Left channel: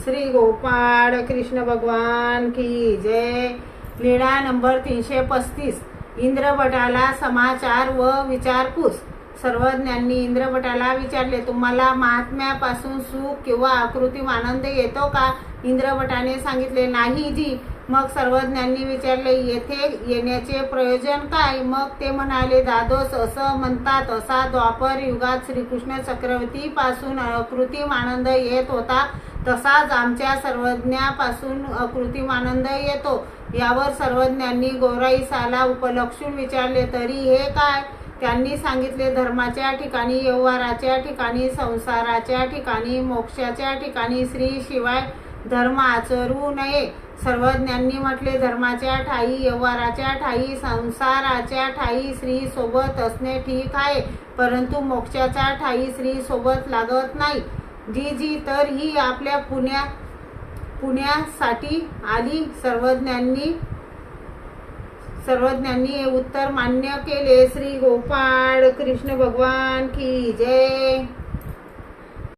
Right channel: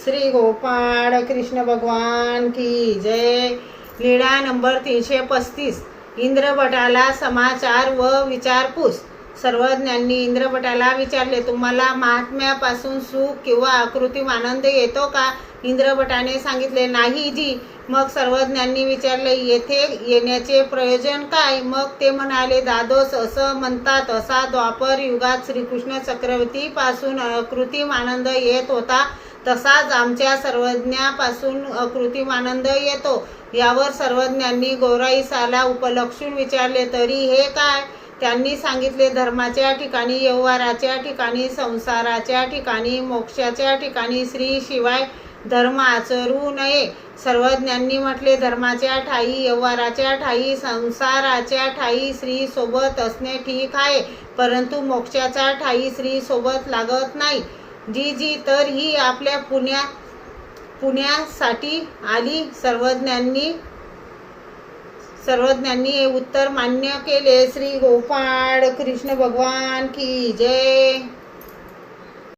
श्री गोपाळ कृष्ण भगवान की जय। लीळा नंबर 335। इंद्रभटाला समाचार व विचारपूस। सर्वज्ञांनी इंद्रभटाला विचारले, तुम्हाला महात्म्यापासून सुख किंवा अकृत्रिम आनंद येतो का? इंद्रभटाने सांगितले, नाही जी। मग सर्वज्ञांनी विचारले, येथे येण्याचे प्रयोजन काय? मग ते म्हणाले, दादोस असं म्हणतात, असा द्वापर युगात श्रीकृष्ण चक्रवर्तीपासून अकृत्रिम आनंद येत होता, तसाच आमच्या सर्वज्ञापासून अकृत्रिम आनंद येतो। यावर सर्वज्ञांनी गौराईसाला उपलक्षून विचारले, तरी हे काय? त्यांनी सांगितले, धर्माच्या ठिकाणी, व्यवहाराच्या ठिकाणी, संसाराच्या ठिकाणी, मोक्षाच्या ठिकाणी श्री शिवाय धर्म आचरू नये। सर्वज्ञांनी म्हटले, धर्माच्या ठाई, व्यवहाराच्या ठाई, संसाराच्या ठाई श्री सोबत असणे ठीक आहे, परंतु मोक्षाच्या ठाई श्री सोबत लागत नाही। जी तर ही आपल्या पुण्यासाठी आली। सर्वज्ञांनी हे उत्तर मान्य केले। श्री गोपाळ कृष्ण भगवान की जय।